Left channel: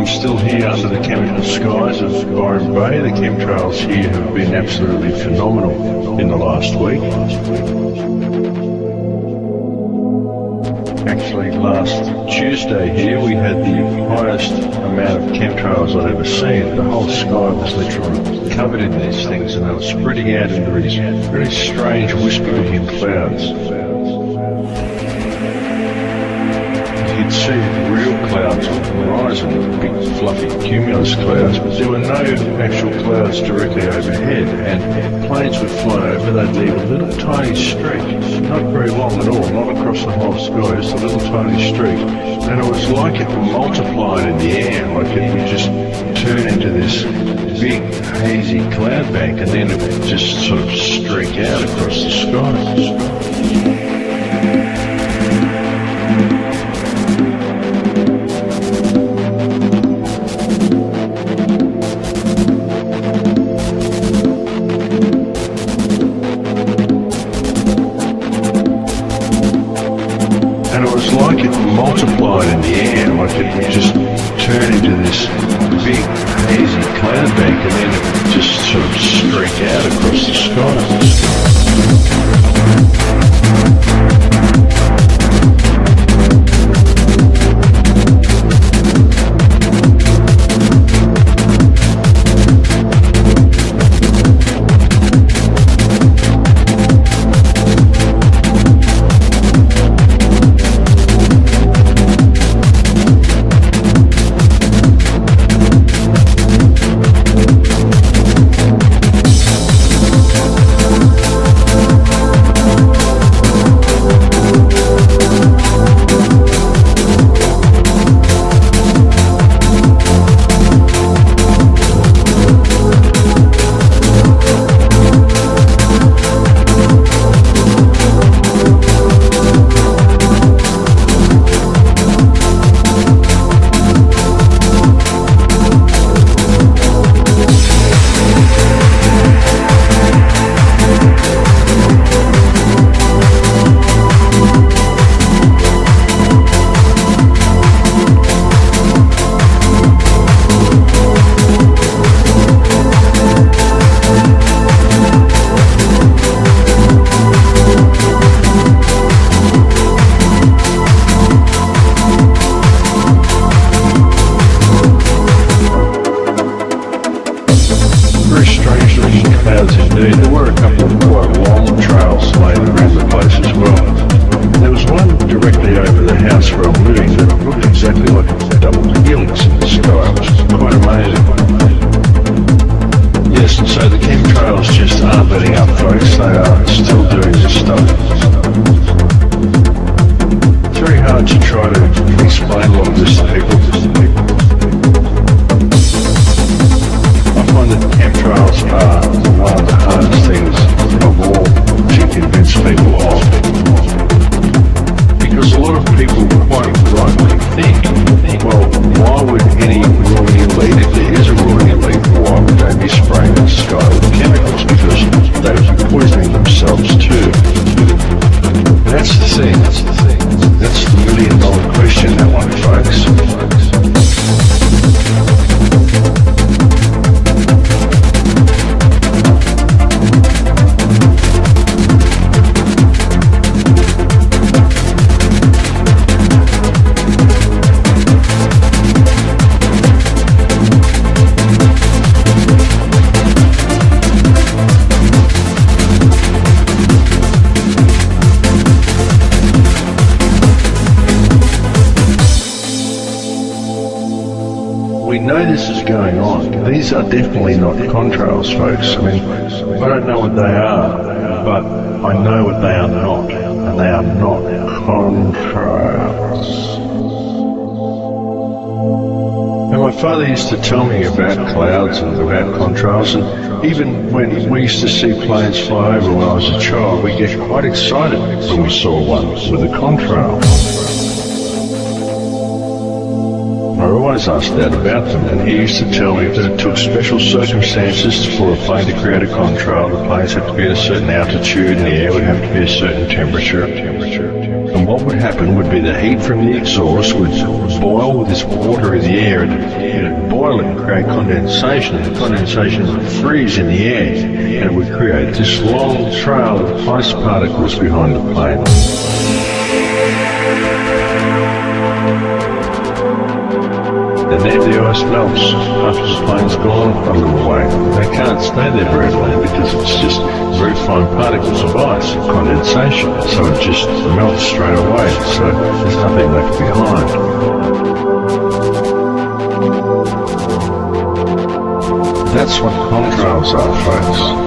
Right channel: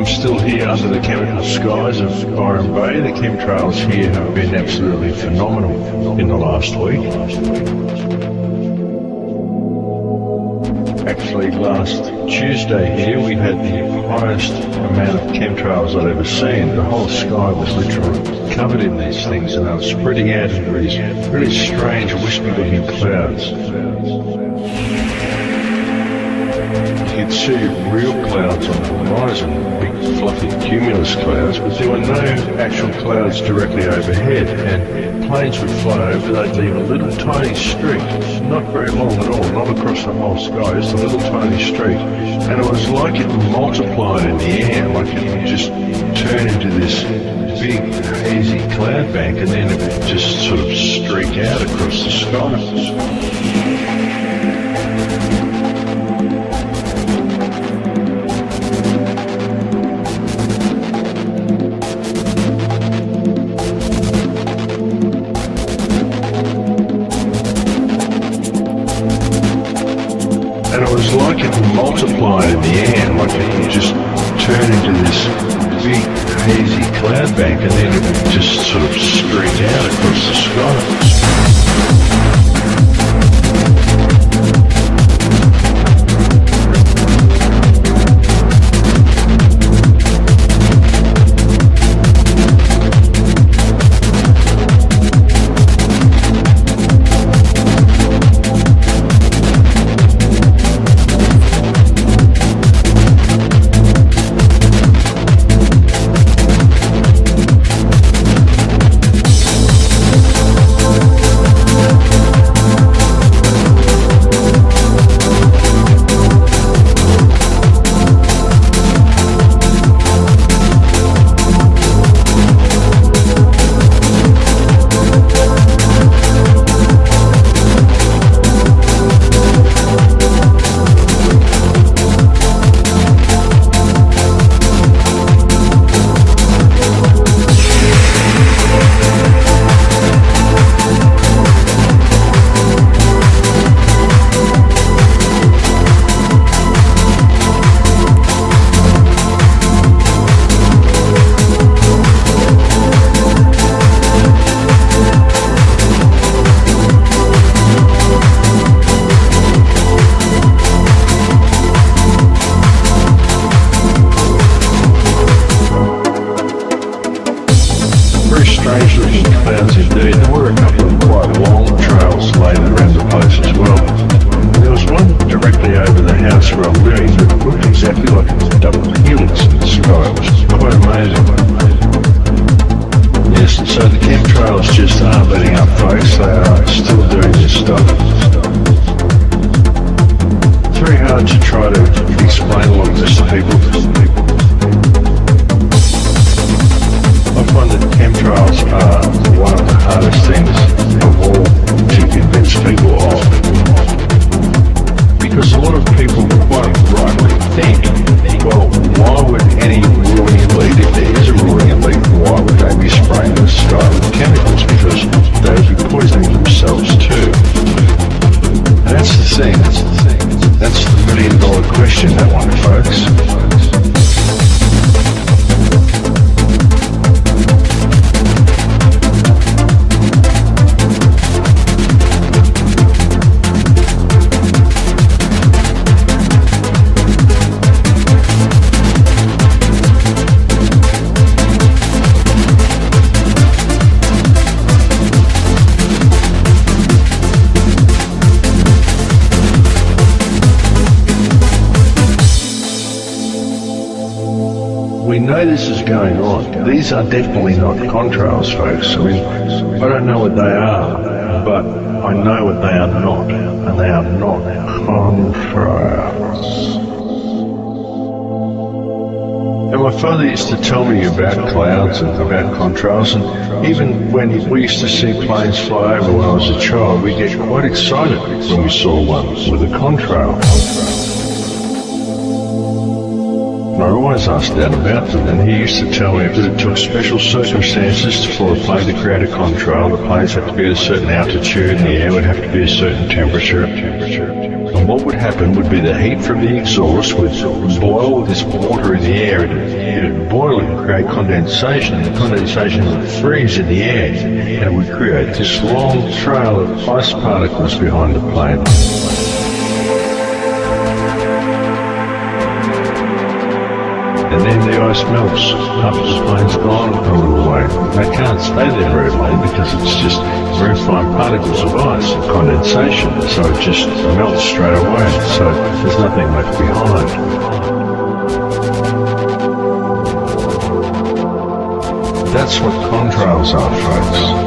I'm still here under the chemical skies of Byron Bay. The chemtrails here have been absolutely phenomenal in the last week. Actually, last Tuesday here we had the highest amount of chemtrails I'd ever seen. The whole sky was literally covered in these things, and they were spreading out into these really strange wispy-looking clouds. You'd see real clouds on the horizon, big fluffy cumulus clouds, but there were no actual clouds directly overhead, and planes would fly over, they'd leave a little tiny streak, not very long at all, not across the whole sky, just a little tiny streak, and it was like it multiplied in the air, like it would just turn into this big hazy cloud bank, and then it would just sort of streak out across the sky. Multiplied in the air, like it would just turn into this big hazy cloud bank, and then it would just sort of streak out across the sky. These are definitely not contrails, folks. I mean, I don't know what they are, but I know what they are not, and they are not contrails. And my father used to tell me about clouds and about contrails, and even when we used to see planes fly over when I was a child, we get quite excited when we saw one with a contrail. I always asked Dad about them, and he used to tell me that it took special circumstances for a plane to create a contrail. The planes had to be at a certain altitude, and the air would have to be a certain temperature. And what would happen would be the heat from the exhaust would boil this water in the air, it'd boil it and create condensation, and the condensation would freeze in the air, and it would create this long trail of ice particles behind the plane. And then the ice melts after the plane's gone a little way. They can't stay there very long because it's just very fine particles of ice, condensation, so it just melts straight away, so there's nothing left behind. That's what contrails are, folks.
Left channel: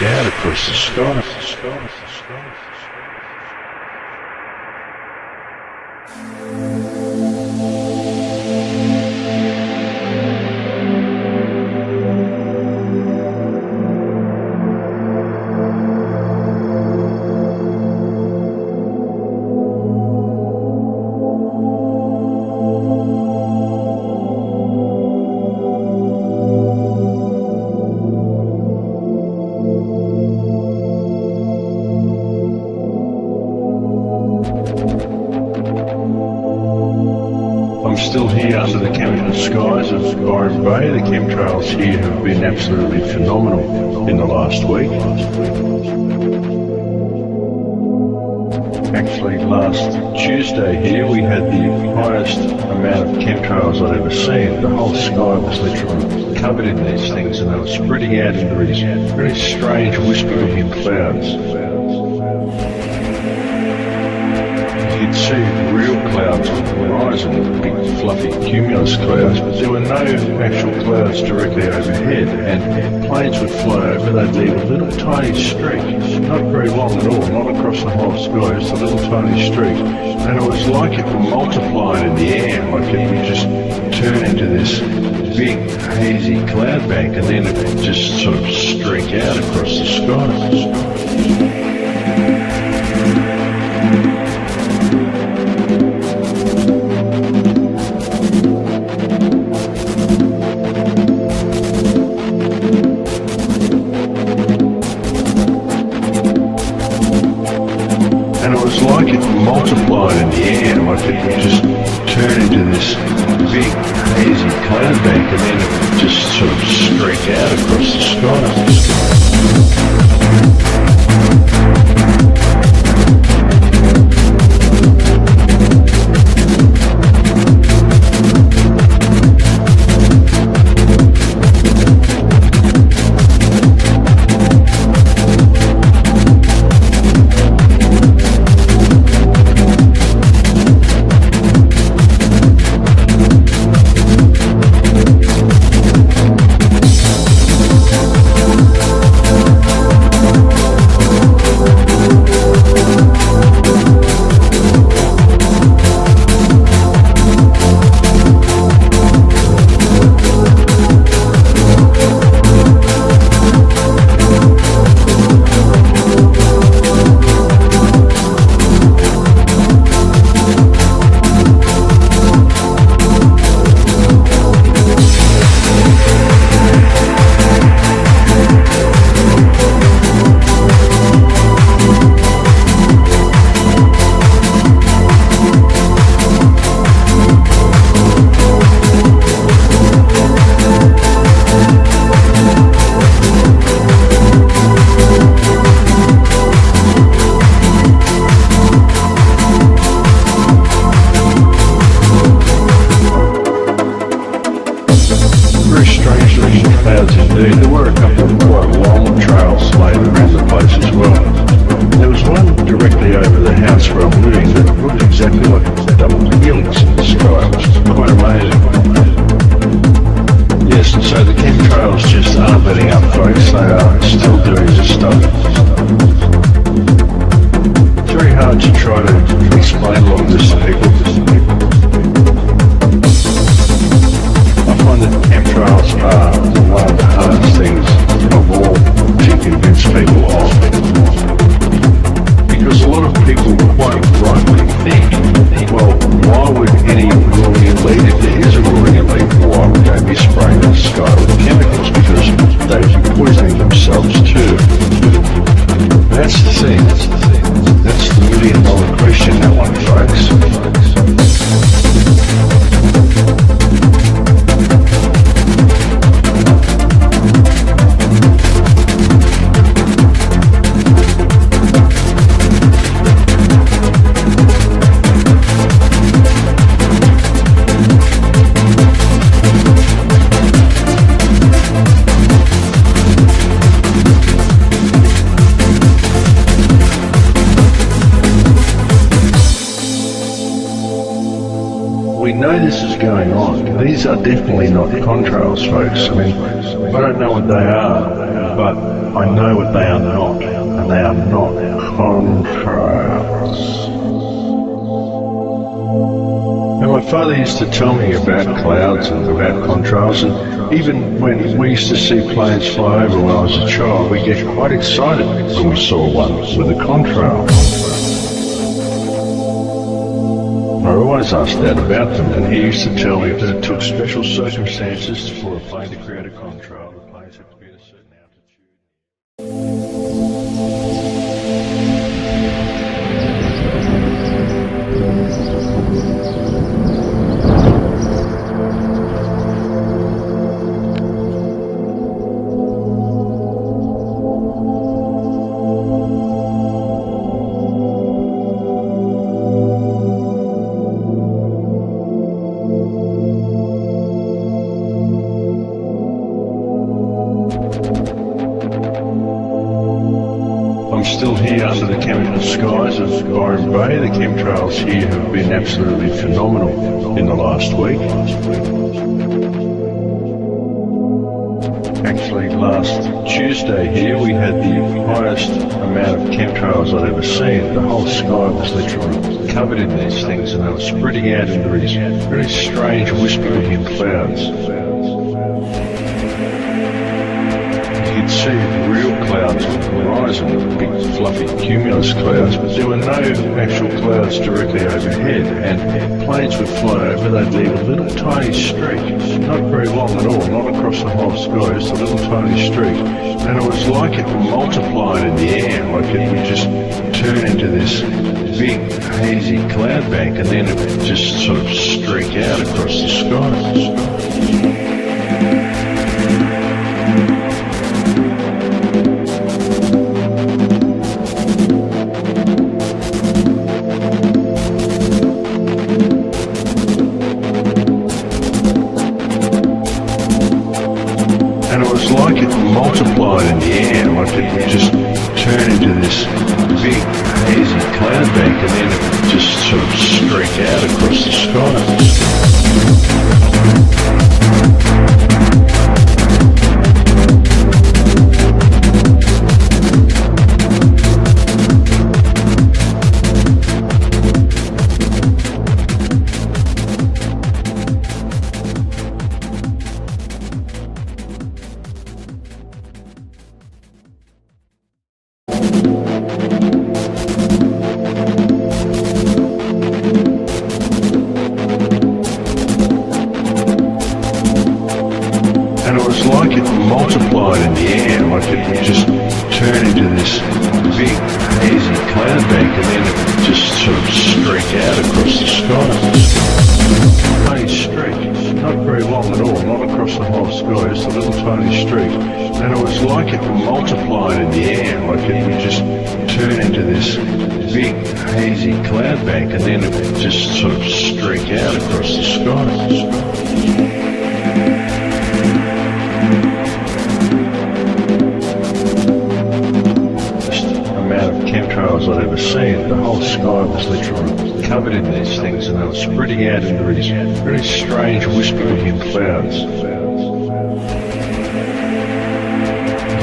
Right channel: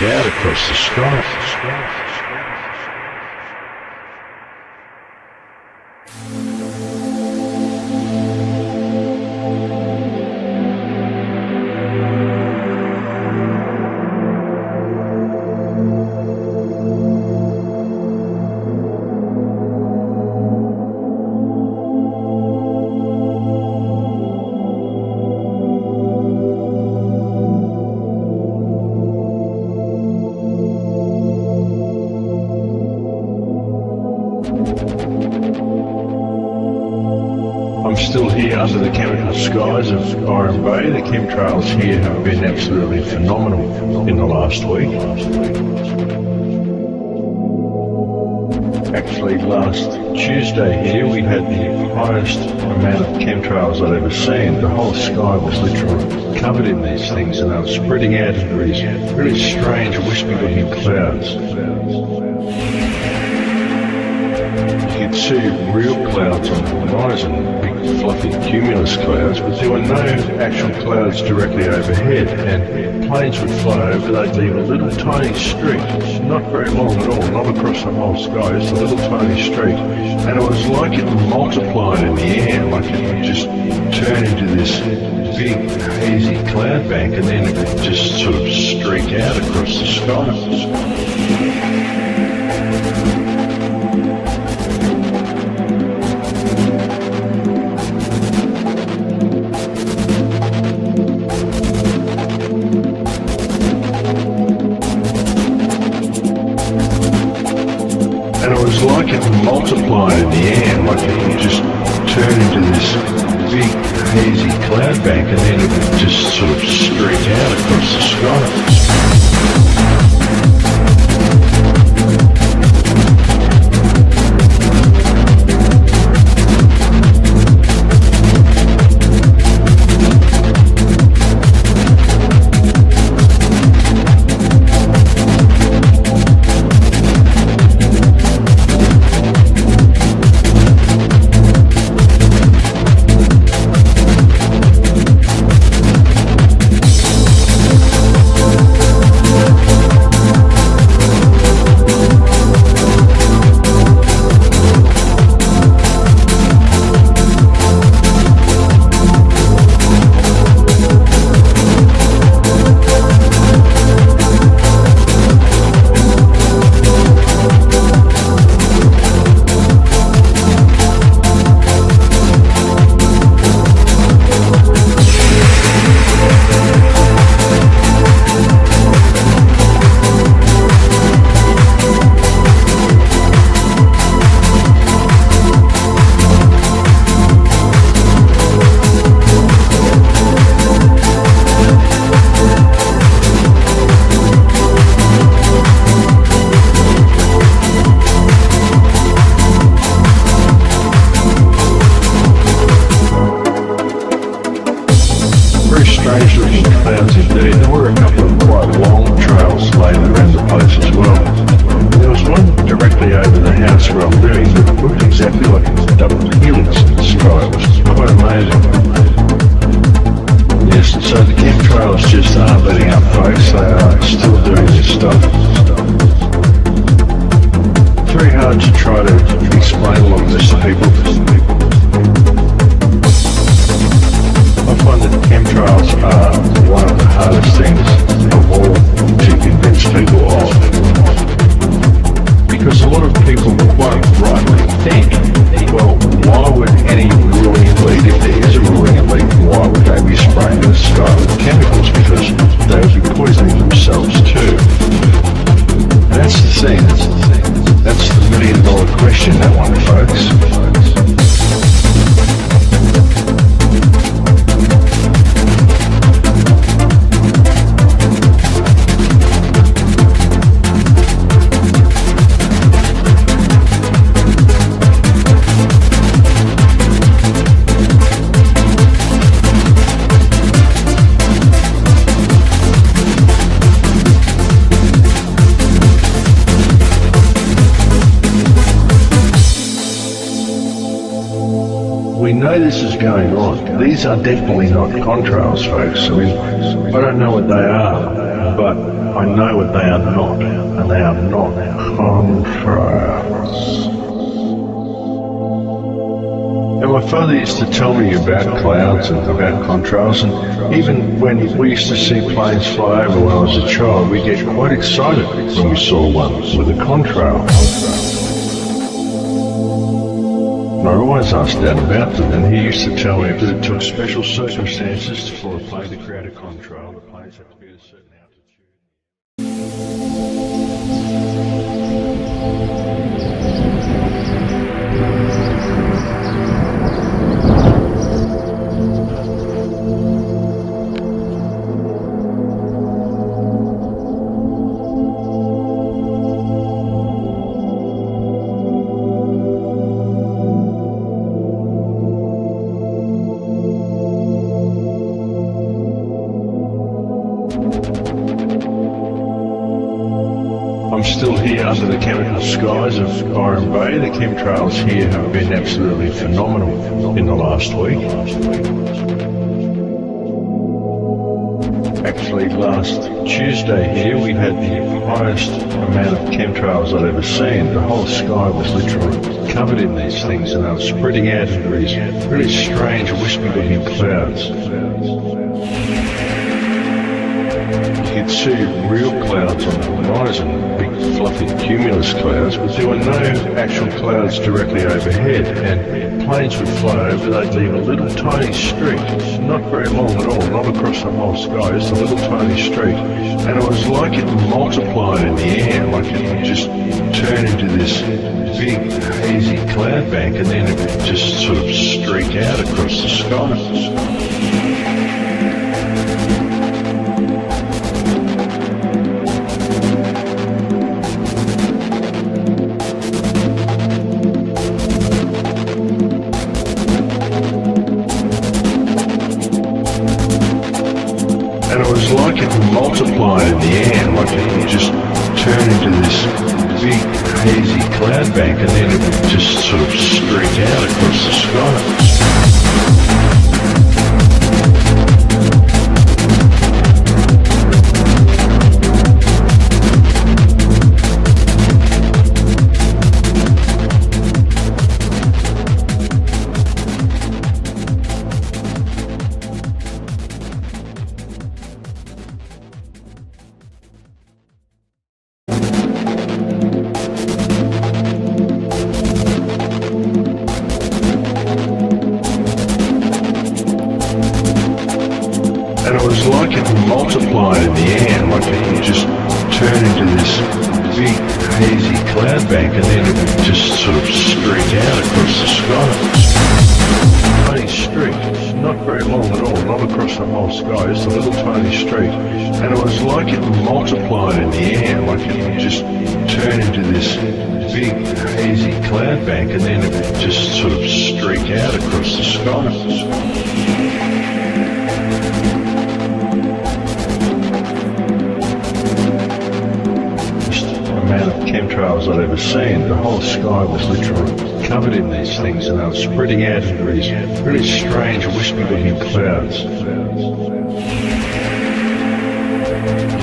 Out across the sky. Still here under the chemical skies of Byron Bay. The chemtrails here have been absolutely phenomenal in the last week. Actually, last Tuesday here we had the highest amount of chemtrails I'd ever seen. The whole sky was literally covered in these things, and they were spreading out into these really strange, wispy-looking clouds. You could see real clouds on the horizon, big fluffy cumulus clouds, but there were no actual clouds directly overhead, and planes would fly over, they'd leave a little tiny streak, not very long at all, not across the whole sky, just a little tiny streak, and it was like it multiplied in the air, like it would just turn into this big hazy cloud bank, and then it would just sort of streak out across the sky. Multiplied in the air, like it would just turn into this big hazy cloud bank, and then it would just sort of streak out across the sky. These are definitely not contrails, folks. I mean, I don't know what they are, but I know what they are not, and they are not contrails. And my father used to tell me about clouds and about contrails, and even when we used to see planes fly over when I was a child, we get quite excited when we saw one with a contrail. I always asked Dad about them, and he used to tell me that it took special circumstances for a plane to create a contrail. The planes had to be at a certain still here under the chemical skies of Byron Bay. The chemtrails here have been absolutely phenomenal in the last week. Actually, last Tuesday here we had the highest amount of chemtrails I'd ever seen. The whole sky was literally covered in these things, and they were spreading out into these really strange wispy looking clouds. You could see real clouds on the horizon, big fluffy cumulus clouds, but there were no actual clouds directly overhead, and planes would fly over, they'd leave a little tiny streak, not very long at all, not across the whole sky, just a little tiny streak, and it was like it multiplied in the air, like it would just turn into this big hazy cloud bank, and then it would just sort of streak out across the sky. And it was like it multiplied in the air, like it would just turn into this big hazy cloud bank, and then it would just sort of streak out across the sky. And it was like it multiplied in the air, like it would just turn into this big hazy cloud bank, and then it would just sort of streak out across the sky. Tiny streak, not very long at all, not across the whole sky, just a little tiny streak. And it was like it multiplied in the air, like it would just turn into this big hazy cloud bank, and then it would just sort of streak out across the sky. Amount of chemtrails I'd ever seen. The whole sky was literally covered in these things, and they were spreading out into these really strange wispy looking clouds.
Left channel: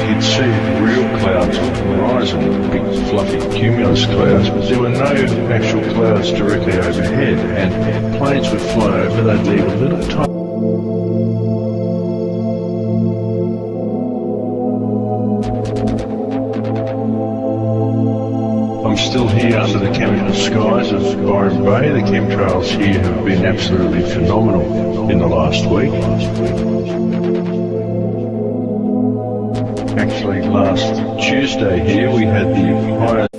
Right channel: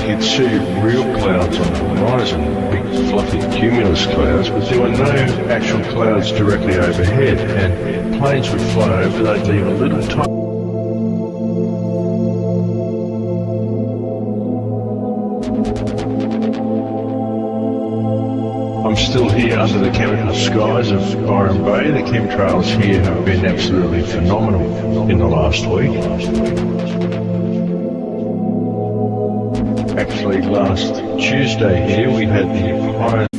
You could see real clouds on the horizon, big fluffy cumulus clouds, but there were no actual clouds directly overhead, and planes would fly over, they'd leave a little tiny I'm still here under the chemical skies of Byron Bay. The chemtrails here have been absolutely phenomenal in the last week. Actually, last Tuesday here we had the highest